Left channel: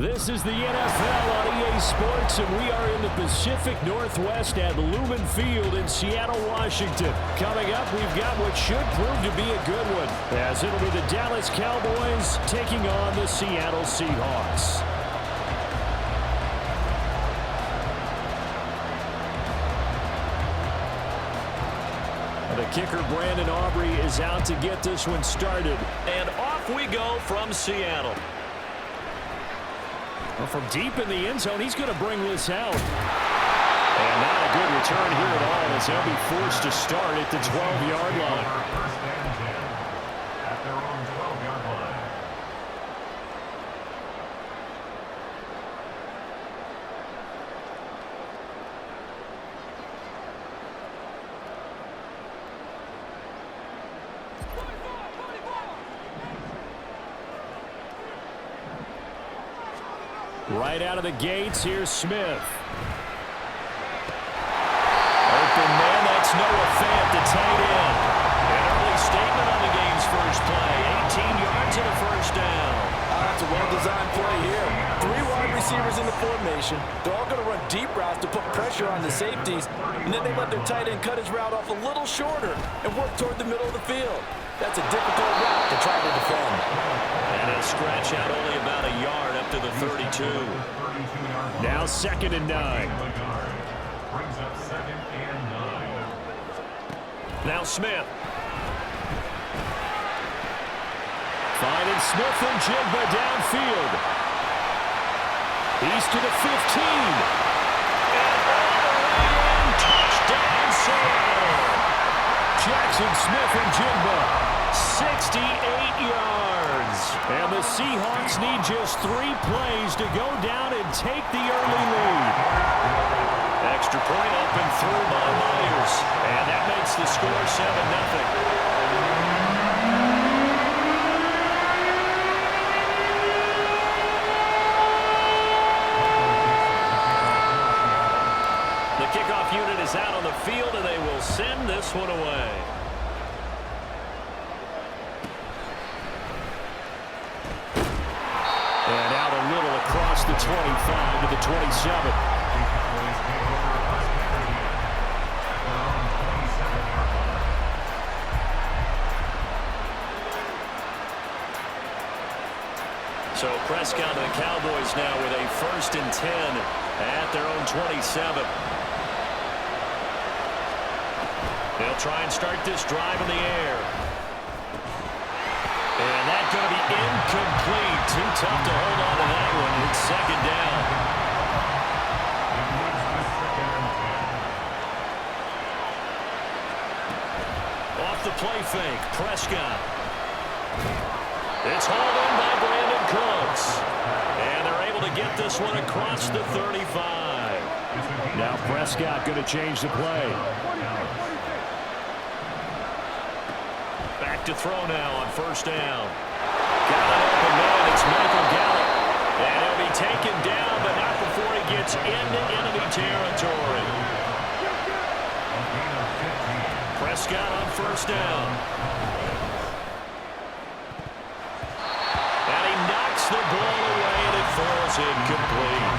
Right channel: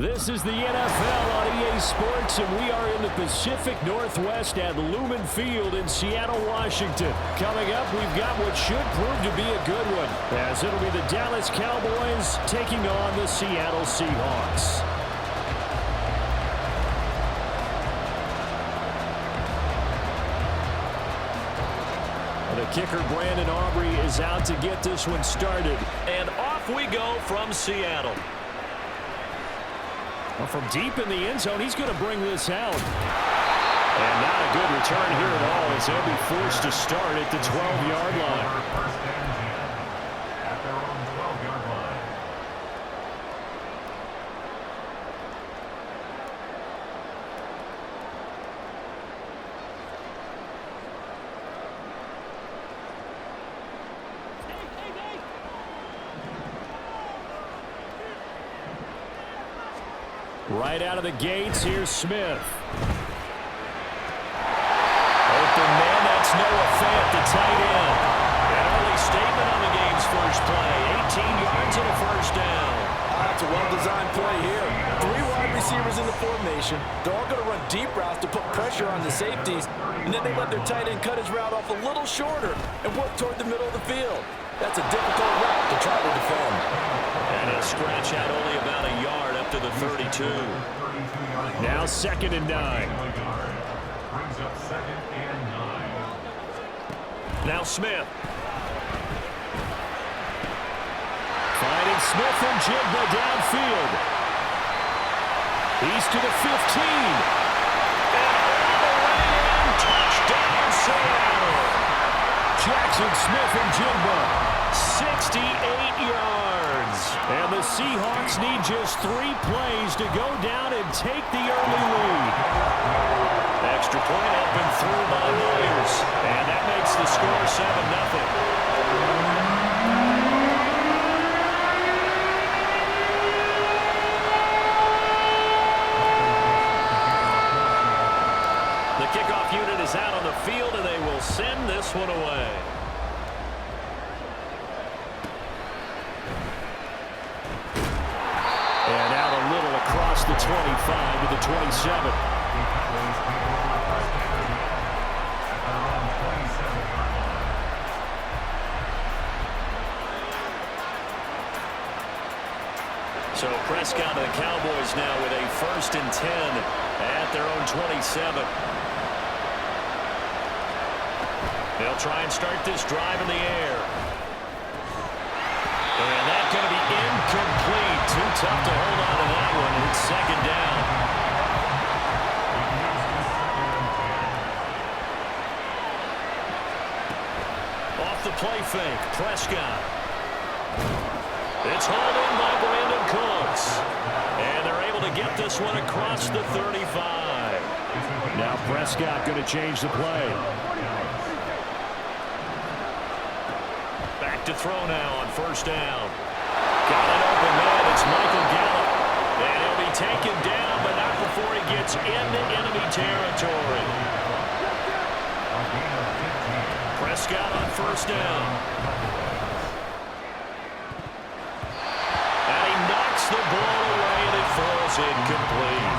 This is the NFL on EA Sports, and we are in the Pacific Northwest at Lumen Field in Seattle, Washington. Coming up, we've got what should prove to be a good one, as it'll be the Dallas Cowboys taking on the Seattle Seahawks. The kicker, Brandon Aubrey, is out to get this one started. And off we go from Seattle. Well, from deep in the end zone, he's going to bring this out. And not a good return here at all, as they'll be forced to start at the 12-yard line. First and 10 at their own 12-yard line. Right out of the gates, here's Smith. Open man, that's Noah Fant, the tight end. An early statement on the game's first play. 18 yards and a first down. That's a well-designed play here. 3 wide receivers in the formation. They're all going to run deep routes to put pressure on the safeties, and then they let their tight end cut his route off a little shorter and work toward the middle of the field. That's a difficult route to try to defend. And he'll scratch out only about a yard up to the 32. Now 2nd and 9. Brings up 2nd and 9. Now Smith. Finding Smith and Jigba downfield. He's to the 15. And all the way in. Touchdown, Seattle. Jackson Smith and Jigba. 68 yards. And the Seahawks need just 3 plays to go down and take the early lead. Extra point up and through by Myers. And that makes the score 7-0. The kickoff unit is out on the field, and they will send this one away. And out a little across the 25 to the 27. So Prescott and the Cowboys now with a 1st and 10 at their own 27. They'll try and start this drive in the air. And that's going to be incomplete. Too tough to hold on to that one. It's 2nd down. Off the play fake, Prescott. It's hauled in by Brandon Cooks. And they're able to get this one across the 35. Now Prescott going to change the play. Back to throw now on 1st down. Got an open man. It's Michael Gallup. And he'll be taken down, but not before he gets into enemy territory. Prescott on 1st down. And he knocks the ball away, and it falls incomplete.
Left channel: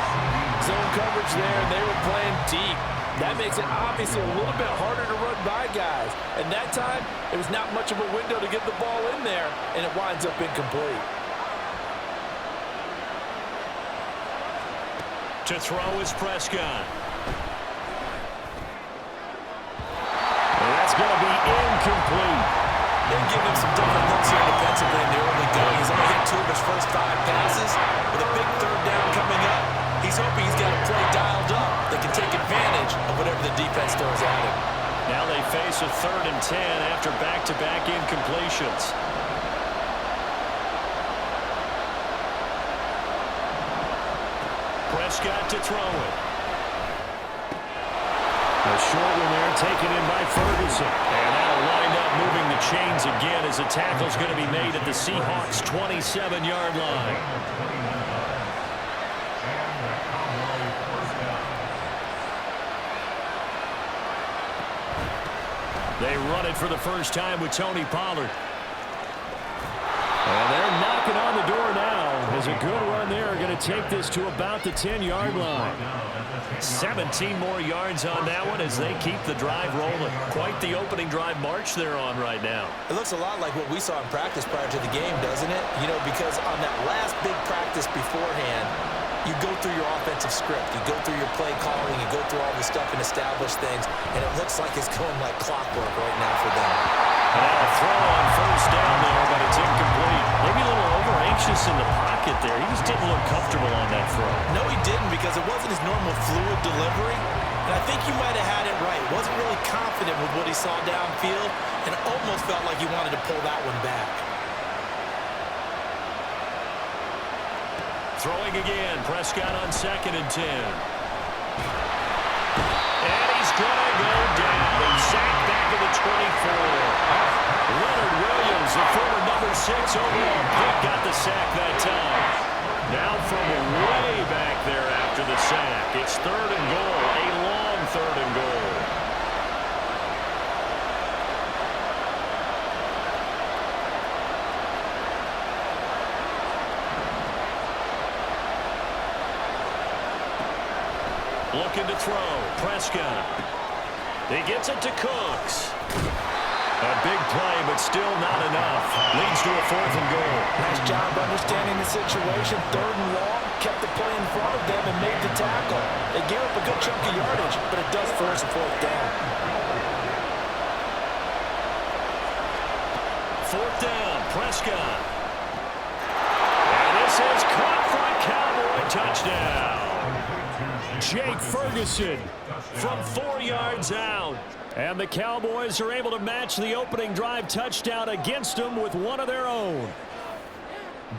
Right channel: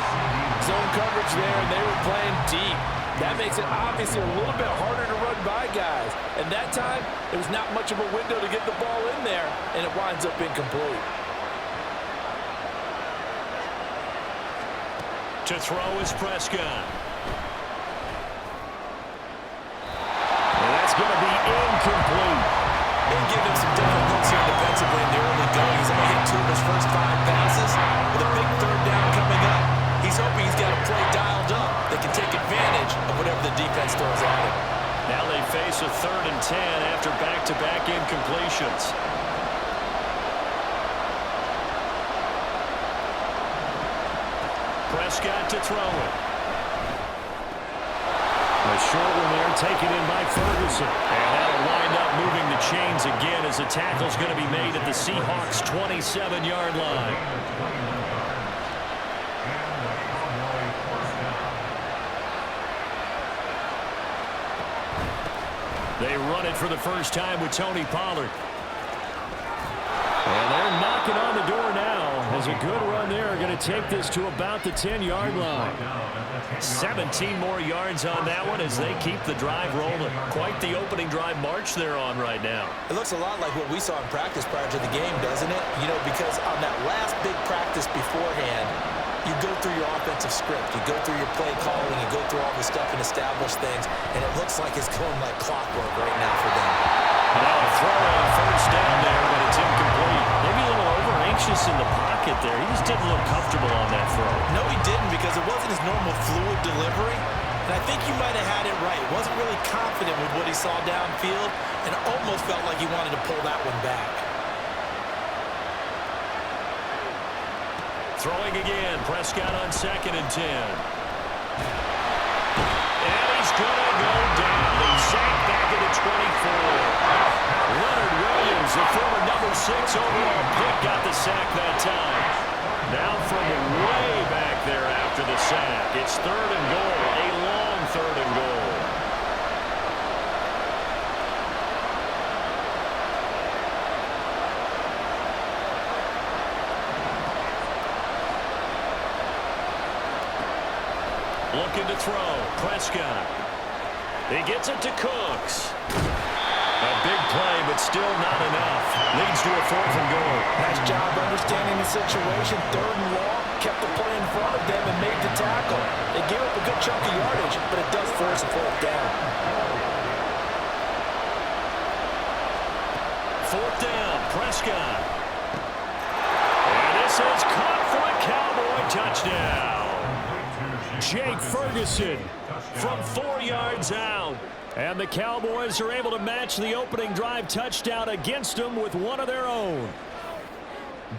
Zone coverage there, and they were playing deep. That makes it obviously a little bit harder to run by guys. And that time, there was not much of a window to get the ball in there, and it winds up incomplete. To throw is Prescott. And that's going to be incomplete. They've given him some different looks here defensively in the early going. He's only hit 2 of his first 5 passes. With a big 3rd down coming up, he's hoping he's got a play dialed up that can take advantage of whatever the defense throws at him. Now they face a 3rd and 10 after back-to-back incompletions. Prescott to throw it. A short one there taken in by Ferguson. And that'll wind up moving the chains again as the tackle's going to be made at the Seahawks' 27-yard line. They run it for the first time with Tony Pollard. And they're knocking on the door now As a good run there, going to take this to about the 10-yard line. 17 more yards on that one as they keep the drive rolling. Quite the opening drive march they're on right now. It looks a lot like what we saw in practice prior to the game, doesn't it? You know, because on that last big practice beforehand, you go through your offensive script, you go through your play calling, you go through all the stuff and establish things, and it looks like it's going like clockwork right now for them. Now a throw on first down there, but it's incomplete. Maybe a little over-anxious in the pocket there. He just didn't look comfortable on that throw. No, he didn't, because it wasn't his normal fluid delivery. And I think you might have had it right. Wasn't really confident with what he saw downfield, and almost felt like he wanted to pull that one back. Throwing again, Prescott on 2nd and 10. And he's going to go down. He's sacked back at the 24. Leonard Williams, the former number 6 overall pick, got the sack that time. Now from way back there after the sack, it's 3rd and goal, a long 3rd and goal. Looking to throw. Prescott. He gets it to Cooks. A big play, but still not enough. Leads to a 4th and goal. Nice job understanding the situation. 3rd and long. Kept the play in front of them and made the tackle. They gave up a good chunk of yardage, but it does force a 4th down. 4th down. Prescott. And this is caught for a Cowboy touchdown. Jake Ferguson from 4 yards out. And the Cowboys are able to match the opening drive touchdown against them with one of their own.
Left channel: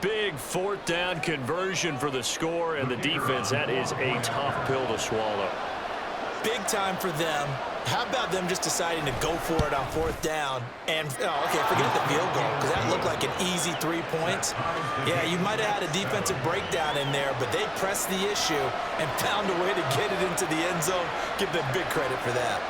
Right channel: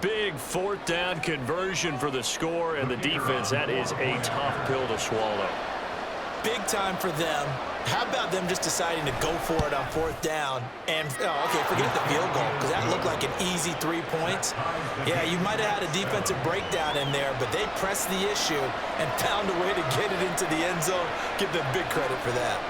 Big 4th down conversion for the score, and the defense, that is a tough pill to swallow. Big time for them. How about them just deciding to go for it on 4th down? And, okay, forget the field goal, because that looked like an easy 3 points. Yeah, you might have had a defensive breakdown in there, but they pressed the issue and found a way to get it into the end zone. Give them big credit for that.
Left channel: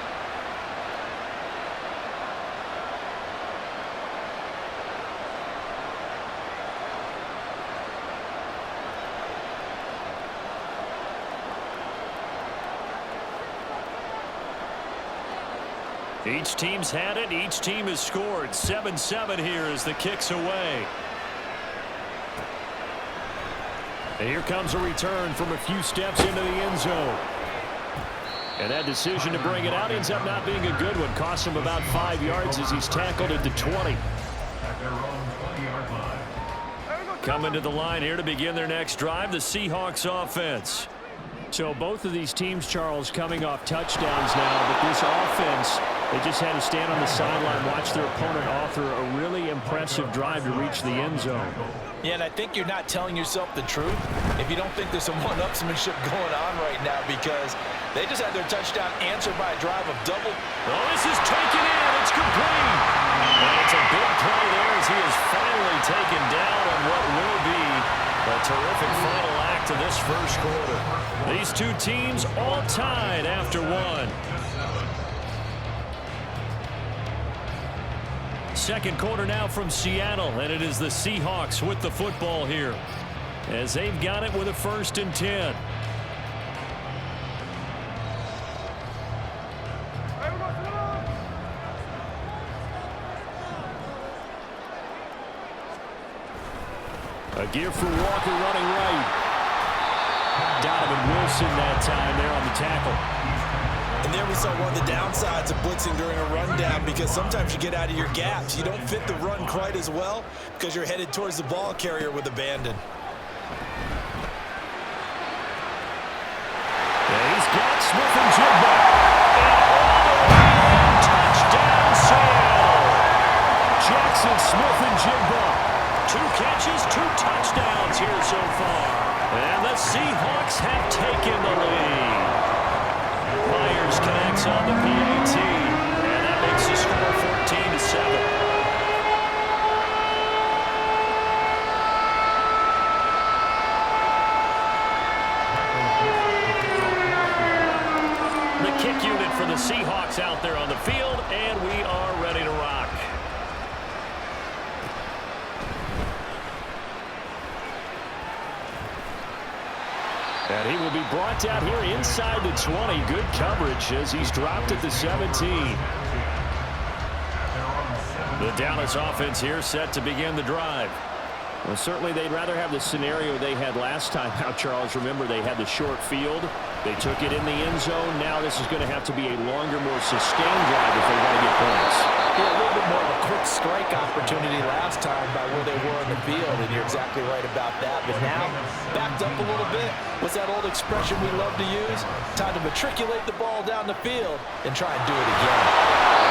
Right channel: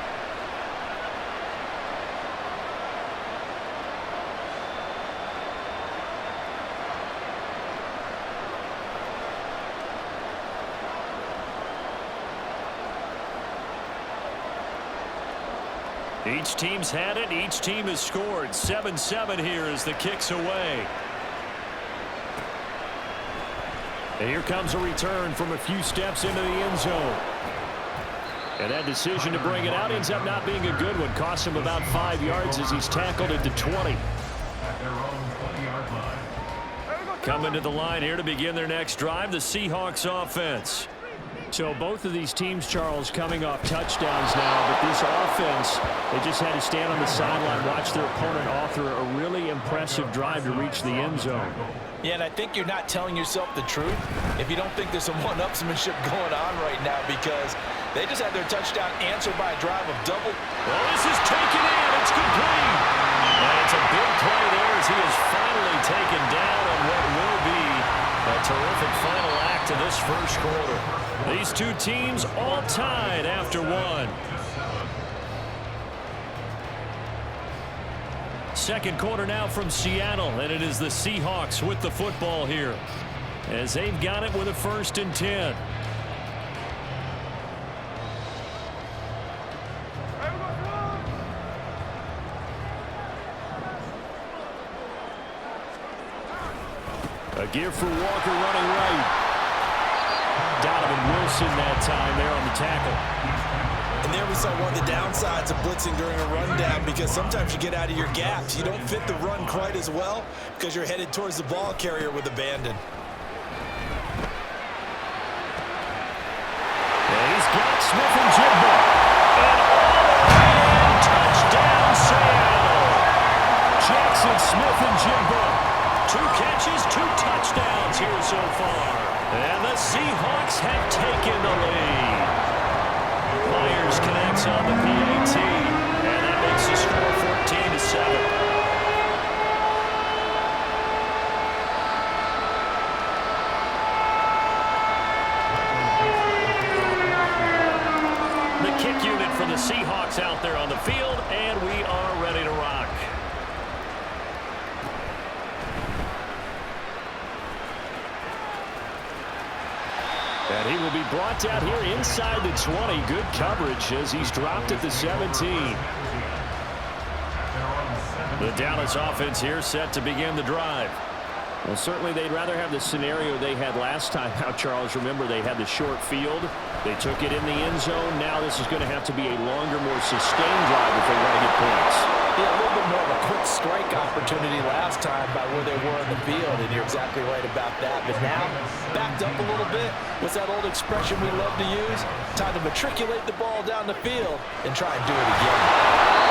Each team's had it. Each team has scored. 7-7 here as the kick's away. And here comes a return from a few steps into the end zone. And that decision to bring it out ends up not being a good one. Costs him about 5 yards as he's tackled at the 20. At their own 20-yard line. Coming to the line here to begin their next drive, the Seahawks offense. So both of these teams, Charles, coming off touchdowns now, but this offense, they just had to stand on the sideline, watch their opponent author a really impressive drive to reach the end zone. Yeah, and I think you're not telling yourself the truth if you don't think there's some one-upsmanship going on right now, because they just had their touchdown answered by a drive of double. Oh, this is taken in. It's complete. And it's a big play there as he is finally taken down on what will be a terrific final act of this first quarter. These two teams all tied after one. Second quarter now from Seattle, and it is the Seahawks with the football here as they've got it with a 1st and 10. A gear for Walker running right. Donovan Wilson that time there on the tackle. And there we saw one of the downsides of blitzing during a rundown, because sometimes you get out of your gaps. You don't fit the run quite as well because you're headed towards the ball carrier with abandon. Yeah, he's got Smith and Jigba. And all the way in, touchdown Seattle. Jackson Smith and Jigba. 2 catches, 2 touchdowns here so far. And the Seahawks have taken the lead. Myers connects on the PAT, and that makes the score 14-7. The kick unit for the Seahawks out there on the field, and we are ready to rock. And he will be brought down here inside the 20. Good coverage as he's dropped at the 17. The Dallas offense here set to begin the drive. Well, certainly they'd rather have the scenario they had last time out, Charles. Remember, they had the short field. They took it in the end zone. Now this is going to have to be a longer, more sustained drive if they want to get points. Yeah, a little bit more of a quick strike opportunity last time by where they were on the field, and you're exactly right about that. But now, backed up a little bit. What's that old expression we love to use? Time to matriculate the ball down the field and try and do it again.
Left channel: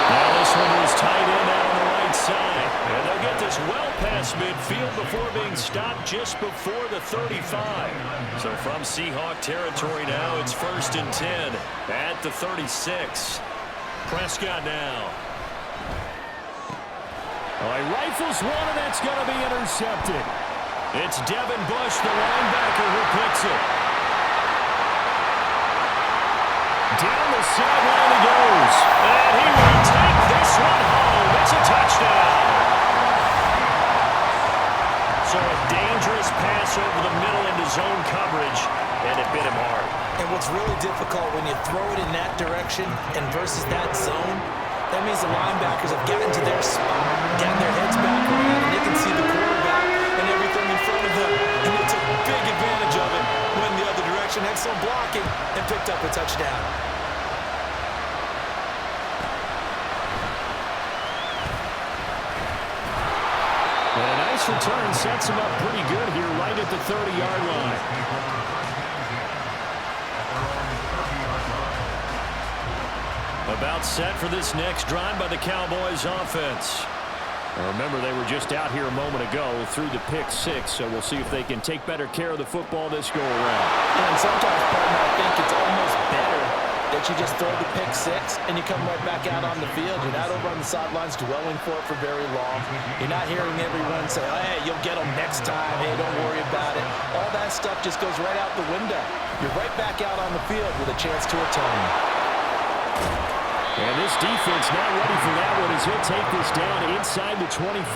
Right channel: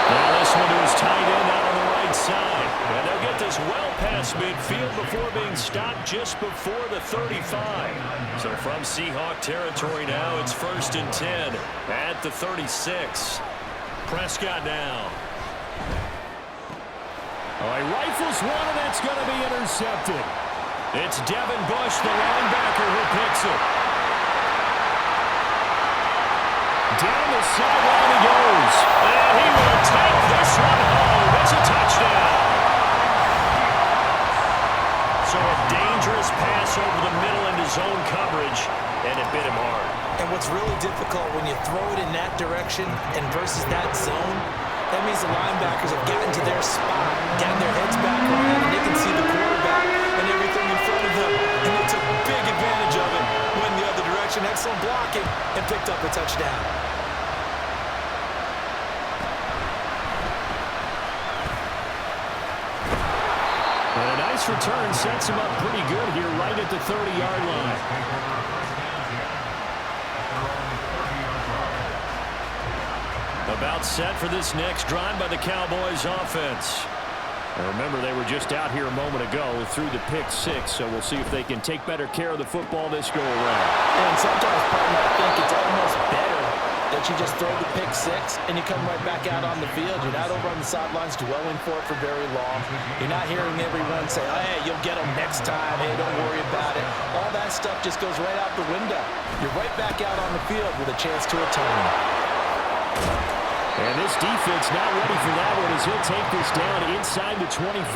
Now this one to his tight end out on the right side. And they'll get this well past midfield before being stopped just before the 35. So from Seahawk territory now, it's 1st and 10 at the 36. Prescott now. Oh, he rifles one, and that's going to be intercepted. It's Devin Bush, the linebacker, who picks it. Down the sideline he goes. And he will take this one home. It's a touchdown. So a dangerous pass over the middle into zone coverage, and it bit him hard. And what's really difficult when you throw it in that direction and versus that zone, that means the linebackers have gotten to their spot, gotten their heads back around, and they can see the quarterback and everything in front of them. And they took big advantage of it, went the other direction, excellent blocking, and picked up a touchdown. And a nice return sets him up pretty good here right at the 30-yard line. About set for this next drive by the Cowboys offense. And remember, they were just out here a moment ago through the pick 6, so we'll see if they can take better care of the football this go-around. And sometimes, partner, I think it's almost better that you just throw the pick 6 and you come right back out on the field. You're not over on the sidelines dwelling for it for very long. You're not hearing everyone say, oh, hey, you'll get them next time. Hey, don't worry about it. All that stuff just goes right out the window. You're right back out on the field with a chance to atone. And this defense not ready for that one as he'll take this down inside the 25.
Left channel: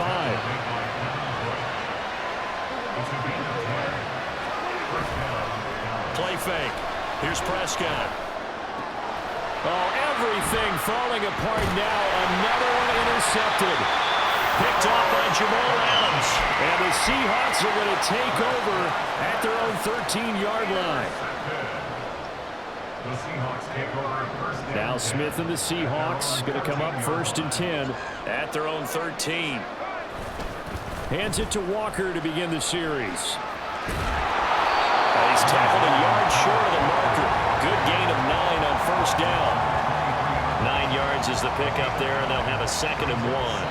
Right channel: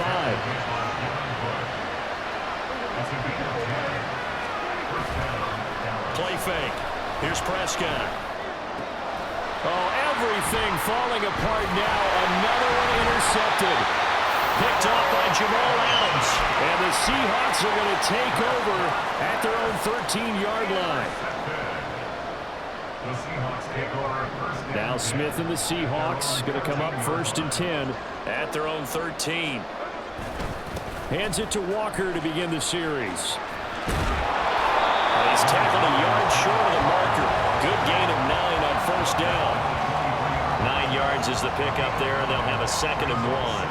Play fake. Here's Prescott. Oh, everything falling apart now. Another one intercepted. Picked off by Jamal Adams. And the Seahawks are going to take over at their own 13-yard line. The Seahawks take over at first down. Now Smith and the Seahawks going to come up 1st and 10 at their own 13. Hands it to Walker to begin the series. He's tackled a yard short of the marker. Good gain of 9 on 1st down. 9 yards is the pickup there, and they'll have a 2nd and 1.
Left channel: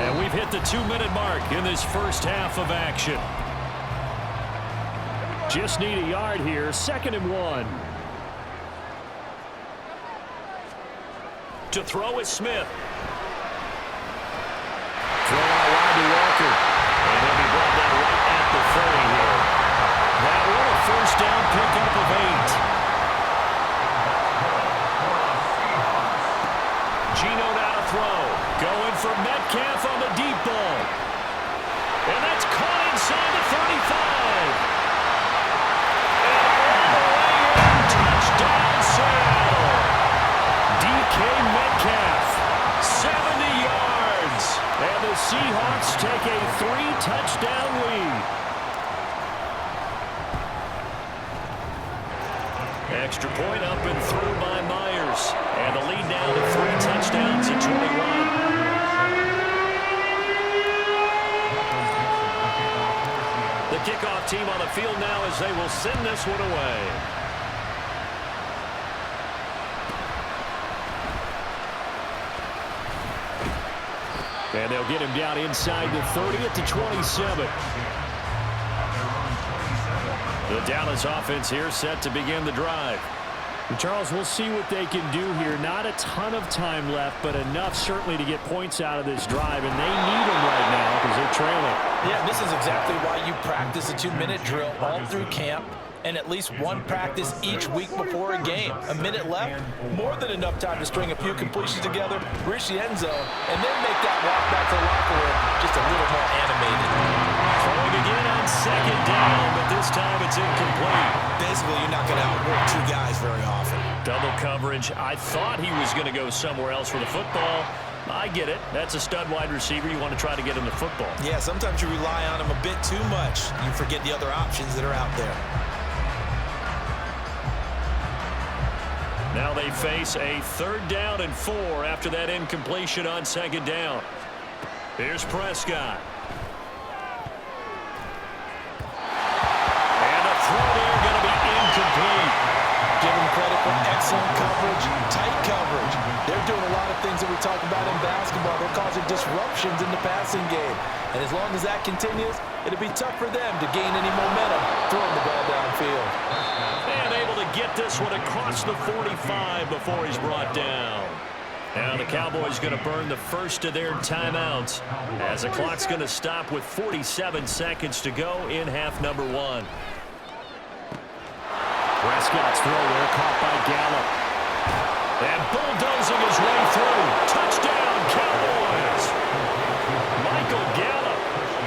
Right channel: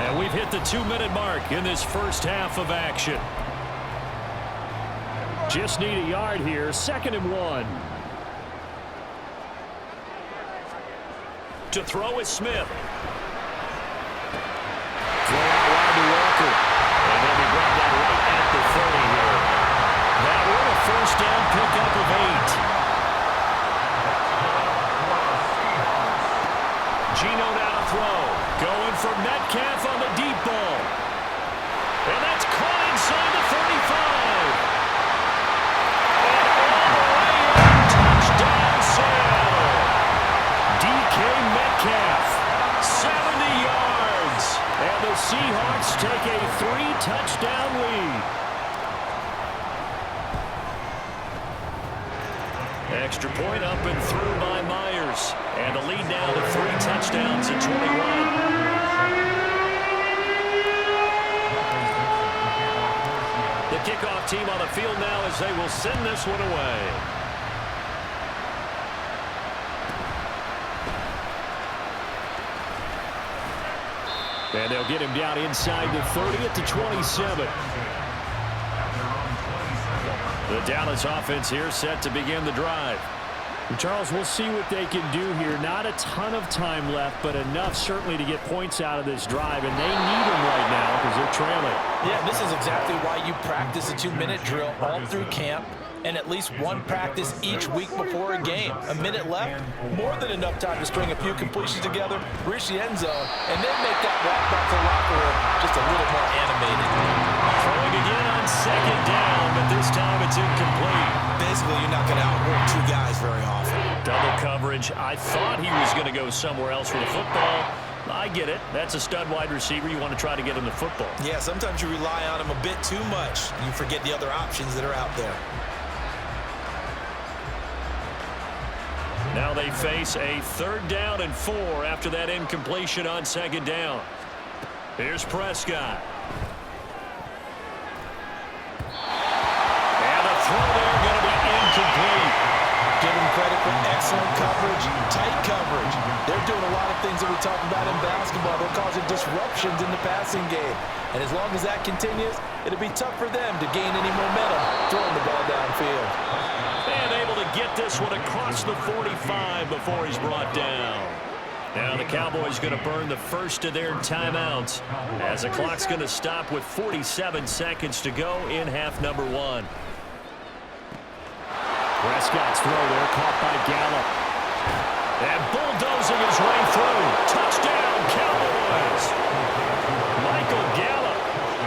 And we've hit the 2-minute mark in this first half of action. Just need a yard here. 2nd and 1. To throw is Smith. Throw out wide to Walker. And he'll be brought down right at the 30 here. That one a 1st down pickup of 8. GENO now to throw. Going for Metcalf on the deep ball. And that's caught inside the 35. And all the way in. Touchdown, Seattle. DK Metcalf. 70 yards. And the Seahawks take a 3-touchdown lead. Extra point up and through by Myers. And the lead now to 3 touchdowns at 21. The kickoff team on the field now as they will send this one away. And they'll get him down inside the 30 at the 27. The Dallas offense here set to begin the drive. Charles, we'll see what they can do here. Not a ton of time left, but enough certainly to get points out of this drive, and they need them right now because they're trailing. Yeah, this is exactly why you practice a 2-minute drill all through camp and at least one practice each week before a game. A minute left, more than enough time to string a few completions together, reach the end zone, and then make that walk back to the locker room just a little more animated. Throwing again on second down, but this time it's incomplete. Basically, you're not going to outwork two guys very often. Double coverage. I thought he was going to go somewhere else for the football. I get it. That's a stud wide receiver. You want to try to get him the football. Yeah, sometimes you rely on him a bit too much. You forget the other options that are out there. Now they face a 3rd down and 4 after that incompletion on second down. Here's Prescott. And the throw there going to be incomplete. Give them credit for excellent coverage, tight coverage. They're doing a lot of things that we talk about in basketball. They're causing disruptions in the passing game. And as long as that continues, it'll be tough for them to gain any momentum throwing the ball downfield. And able to get this one across the 45 before he's brought down. Now the Cowboys going to burn the first of their timeouts as the clock's going to stop with 47 seconds to go in half number 1. Prescott's throw there caught by Gallup. And bulldozing his way through. Touchdown, Cowboys. Michael Gallup,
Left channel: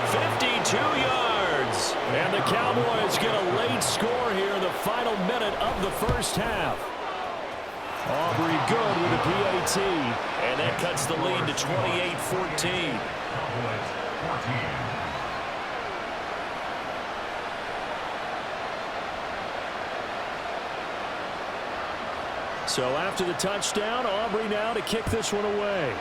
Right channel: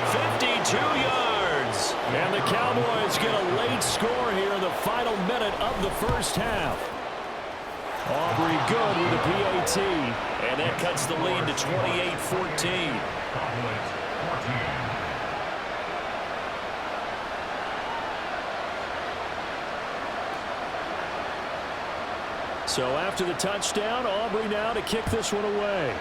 52 yards. And the Cowboys get a late score here in the final minute of the first half. Aubrey good with a PAT. And that cuts the lead to 28-14. Cowboys 14. So after the touchdown, Aubrey now to kick this one away.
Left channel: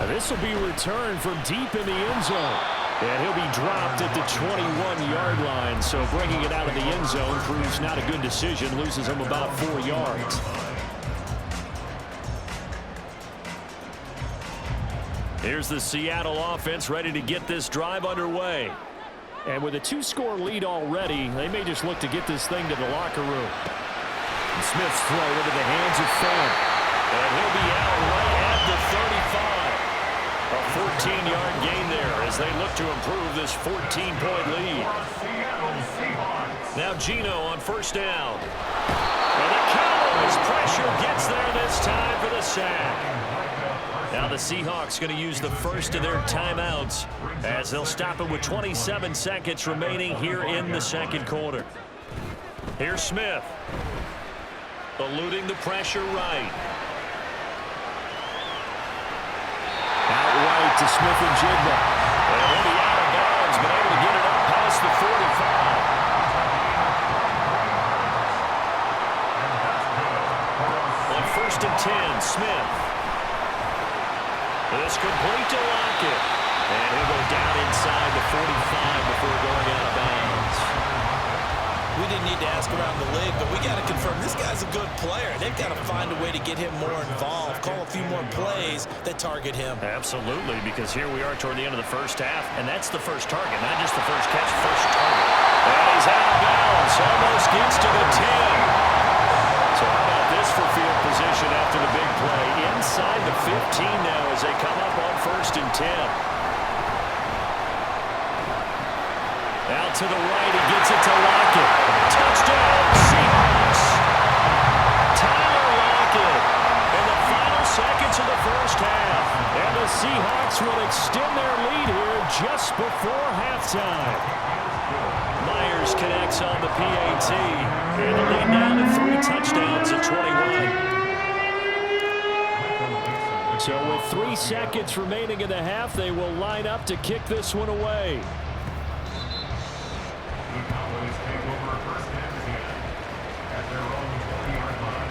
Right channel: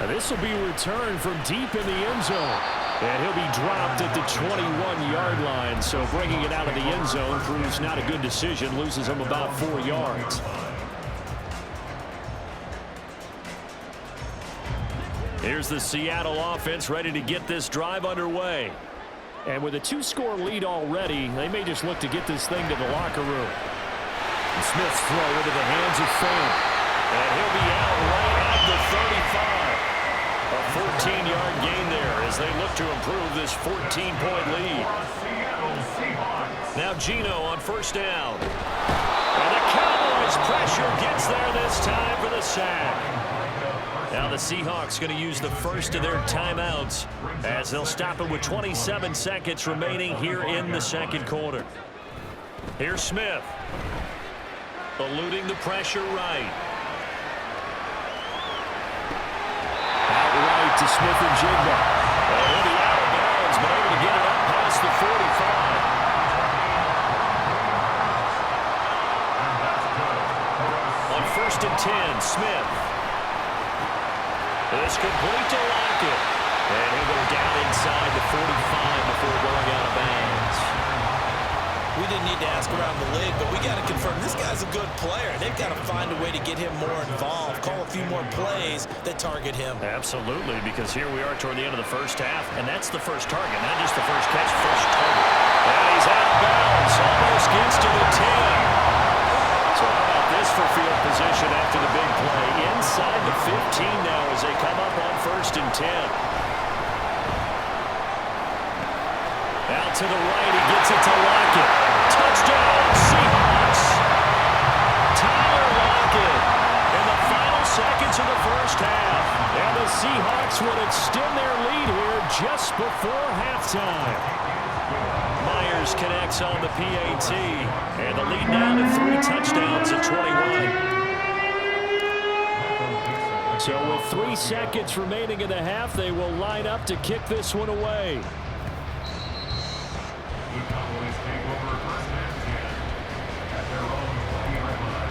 Now this will be returned from deep in the end zone. And he'll be dropped at the 21-yard line. So bringing it out of the end zone proves not a good decision. Loses him about 4 yards. Here's the Seattle offense ready to get this drive underway. And with a 2-score lead already, they may just look to get this thing to the locker room. And Smith's throw into the hands of Fan. And he'll be out right at the 35. A 14-yard gain there as they look to improve this 14-point lead. Now GENO on first down. And the Cowboys pressure gets there this time for the sack. Now the Seahawks going to use the first of their timeouts as they'll stop it with 27 seconds remaining here in the second quarter. Here's Smith. Eluding the pressure right. Outright to Smith and Jigba. And he'll be out of bounds, but able to get it up past the 45. On first and 10, Smith. This complete to Lockett. And he'll go down inside the 45 before going out of bounds. We didn't need to ask around the league, but we got to confirm this guy's a good player. They've got to find a way to get him more involved, call a few more plays that target him. Absolutely, because here we are toward the end of the first half, and that's the first target, not just the first catch, first target. And he's out of bounds, almost gets to the 10. So how about this for field position after the big play? Inside the 15 now as they come up on first and 10. Out to the right, he gets it to Lockett. Touchdown, Seahawks. Tyler Lockett in the final seconds of the first half. And the Seahawks will extend their lead here just before halftime. Myers connects on the PAT. And the lead now to 3 touchdowns at 21. So with 3 seconds remaining in the half, they will line up to kick this one away. The Cowboys take over first and 10 at their own 20-yard line.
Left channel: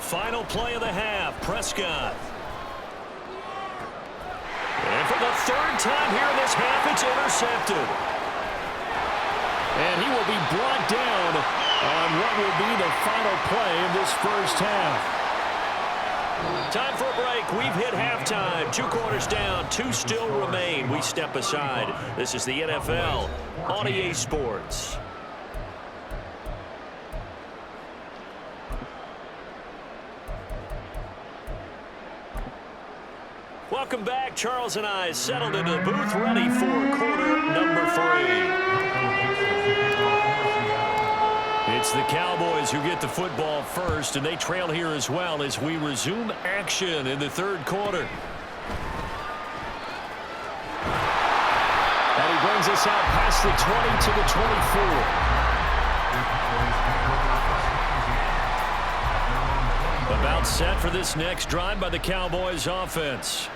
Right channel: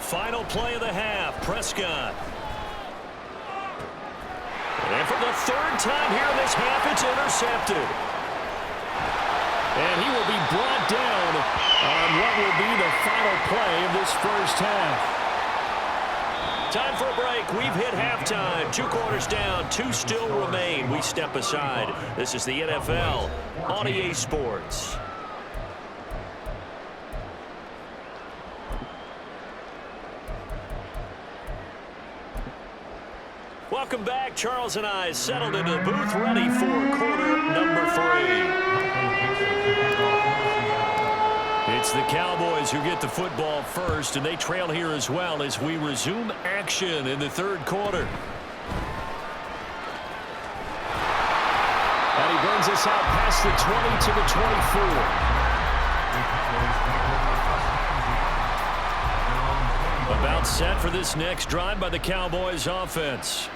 Final play of the half, Prescott. And for the 3rd time here in this half, it's intercepted. And he will be brought down on what will be the final play of this first half. Time for a break. We've hit halftime. 2 quarters down. 2 still remain. We step aside. This is the NFL on EA Sports. Welcome back. Charles and I settled into the booth ready for quarter number 3. the Cowboys who get the football first, and they trail here as well as we resume action in the third quarter. And he brings us out past the 20 to the 24. About set for this next drive by the Cowboys offense.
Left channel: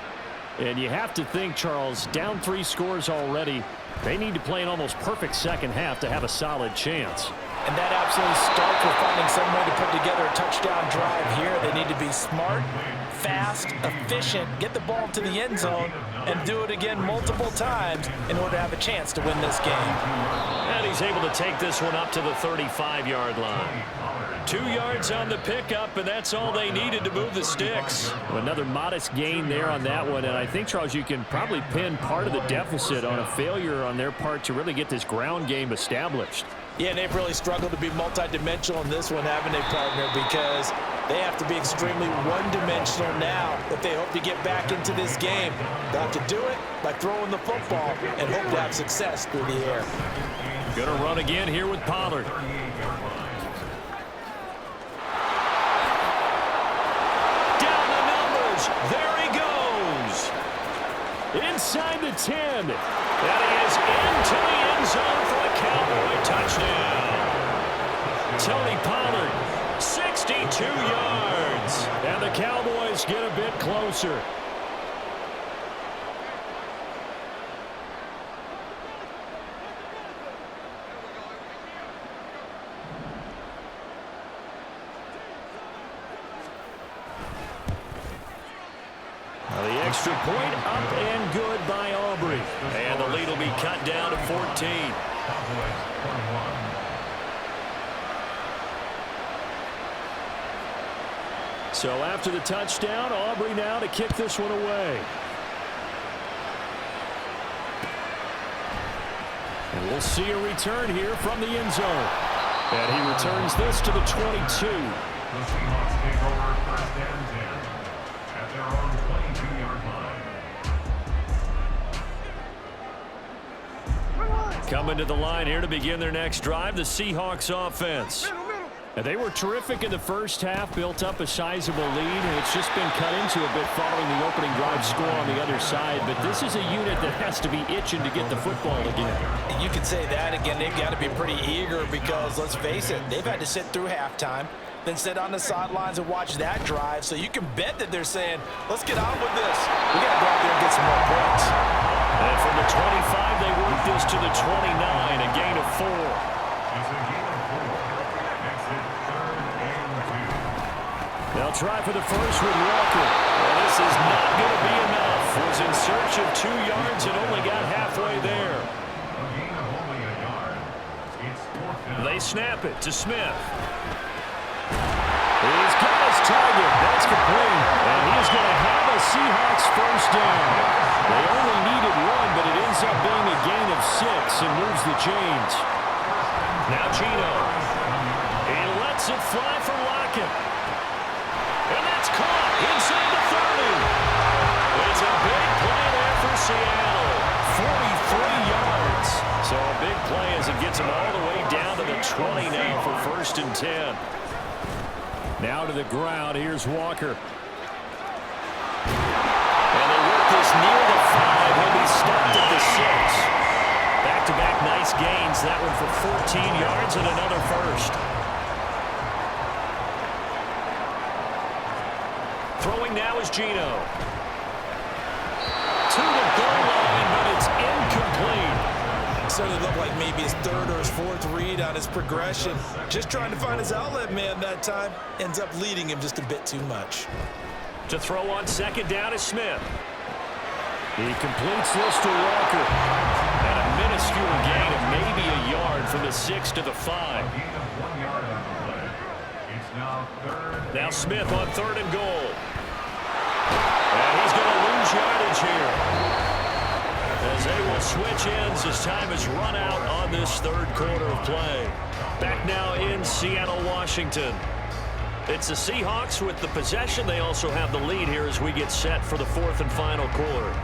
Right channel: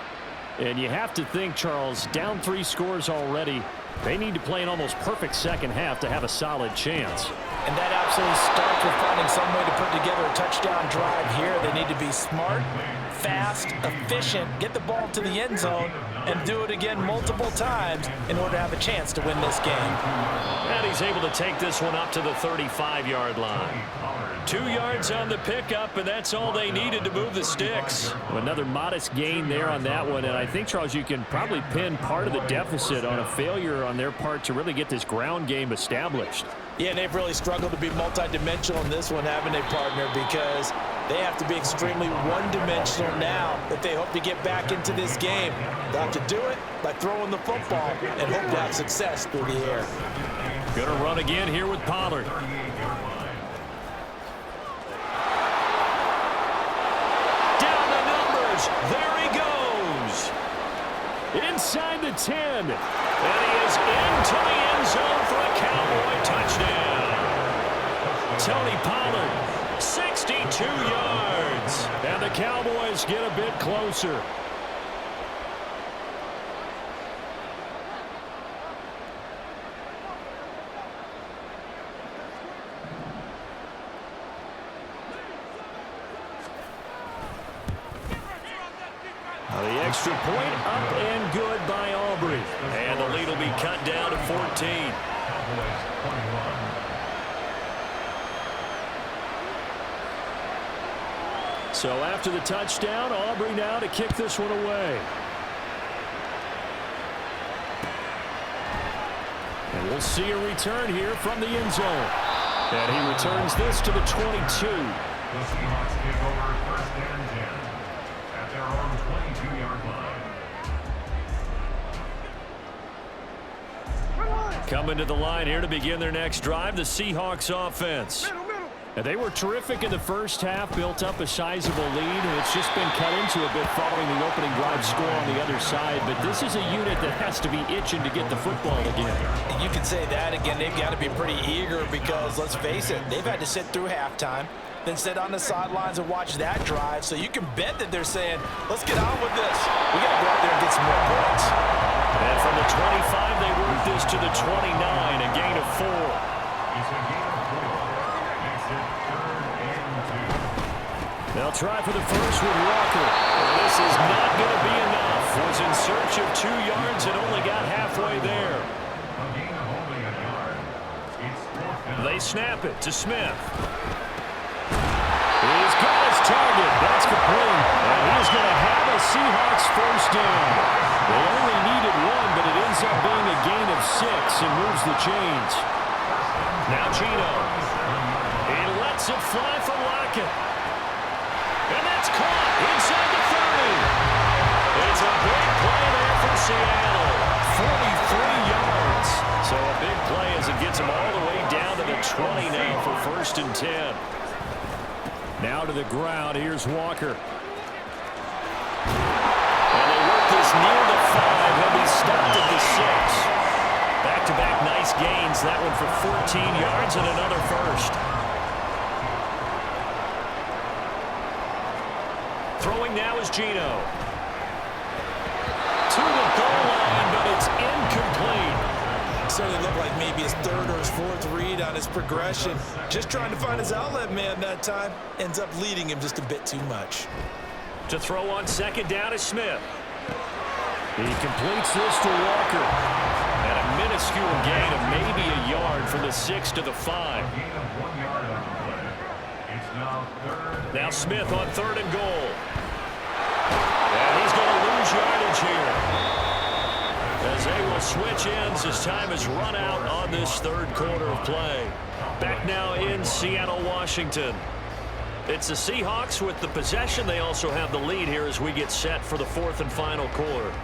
And you have to think, Charles, down 3 scores already. They need to play an almost perfect second half to have a solid chance. And that absolutely starts with finding some way to put together a touchdown drive here. They need to be smart, fast, efficient, get the ball to the end zone, and do it again multiple times in order to have a chance to win this game. And he's able to take this one up to the 35-yard line. 2 yards on the pickup, and that's all they needed to move the sticks. Another modest gain there on that one, and I think, Charles, you can probably pin part of the deficit on a failure on their part to really get this ground game established. Yeah, and they've really struggled to be multidimensional in this one, haven't they, partner? Because they have to be extremely one-dimensional now if they hope to get back into this game. They'll have to do it by throwing the football and hope to have success through the air. Gonna run again here with Pollard. Down the numbers. There he goes. Inside the 10. And he is into the end zone for a Cowboy touchdown. Tony Pollard, 62 yards. And the Cowboys get a bit closer. The extra point up and good by Aubrey. And the lead will be cut down to 14. Cowboys 21. So after the touchdown, Aubrey now to kick this one away. And we'll see a return here from the end zone. And he returns this to the 22. The Seahawks take over first and 10 at their own 22-yard line. Coming to the line here to begin their next drive, the Seahawks offense. And they were terrific in the first half, built up a sizable lead, and it's just been cut into a bit following the opening drive score on the other side. But this is a unit that has to be itching to get the football again. You can say that again. They've got to be pretty eager because, let's face it, they've had to sit through halftime, then sit on the sidelines and watch that drive. So you can bet that they're saying, let's get on with this. We got to go out there and get some more points. And from the 25, they work this to the 29, a gain of 4. It's a gain of 4. Makes it third and 2. They'll try for the first with Walker. Well, this is not going to be enough. Was in search of 2 yards and only got halfway there. A gain of only a yard. It's fourth down. They snap it to Smith. He's got his target. That's complete. And he's going to have a Seahawks first down. They only needed 1, but it ends up being a gain of 6 and moves the chains. Now GENO. He lets it fly for Lockett. And that's caught inside the 30. It's a big play there for Seattle. 43 yards. So a big play as it gets him all the way down to the 20 now for first and 10. Now to the ground. Here's Walker. And they work this near the 5. He'll be stopped at the 6. Back-to-back nice gains. That one for 14 yards and another first. Throwing now is GENO. To the goal line, but it's incomplete. Certainly looked like maybe his third or his fourth read on his progression. Just trying to find his outlet man that time. Ends up leading him just a bit too much. To throw on second down is Smith. He completes this to Walker. And a minuscule gain of maybe a yard from the 6 to the 5. A gain of 1 yard on the play. It's now third. Now Smith on third and goal. And he's going to lose yardage here, as they will switch ends as time has run out on this third quarter of play. Back now in Seattle, Washington. It's the Seahawks with the possession. They also have the lead here as we get set for the fourth and final quarter.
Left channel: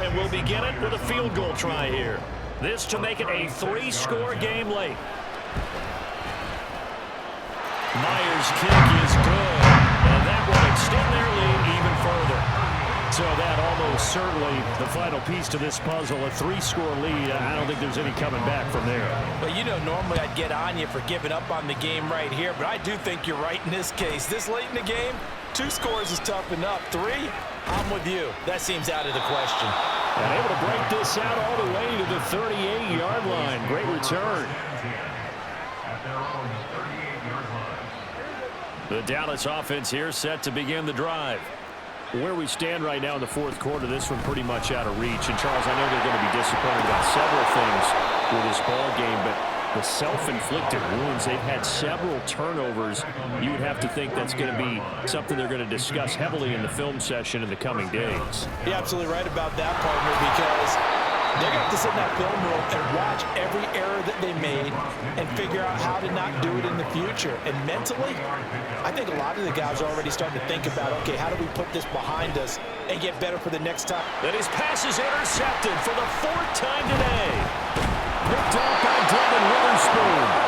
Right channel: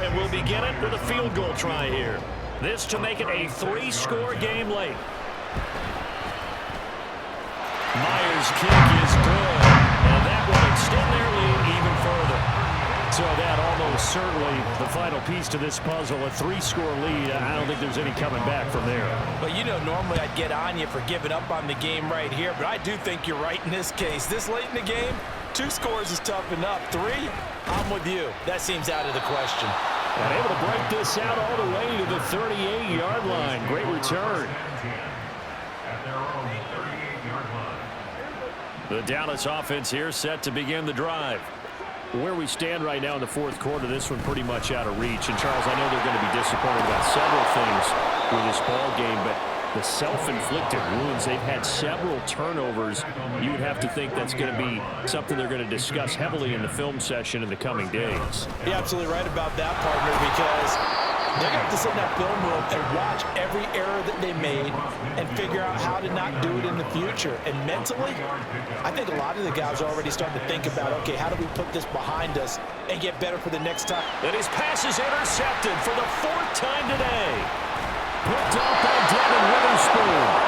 And we'll begin it with a field goal try here. This to make it a 3-score game late. Myers' kick is good, and that will extend their lead even further. So that almost certainly the final piece to this puzzle, a 3-score lead. I don't think there's any coming back from there. Well, you know, normally I'd get on you for giving up on the game right here, but I do think you're right in this case. This late in the game, 2 scores is tough enough. 3, I'm with you. That seems out of the question. And able to break this out all the way to the 38-yard line. Great return. At their own 38-yard line. The Dallas offense here set to begin the drive. Where we stand right now in the fourth quarter, this one pretty much out of reach. And, Charles, I know they're going to be disappointed about several things with this ball game, but the self-inflicted wounds, they've had several turnovers. You would have to think that's going to be something they're going to discuss heavily in the film session in the coming days. You're absolutely right about that, partner, because they're going to have to sit in that film room and watch every error that they made and figure out how to not do it in the future. And mentally, I think a lot of the guys are already starting to think about, okay, how do we put this behind us and get better for the next time? And his pass is intercepted for the 4th time today. Picked up by Devin Witherspoon.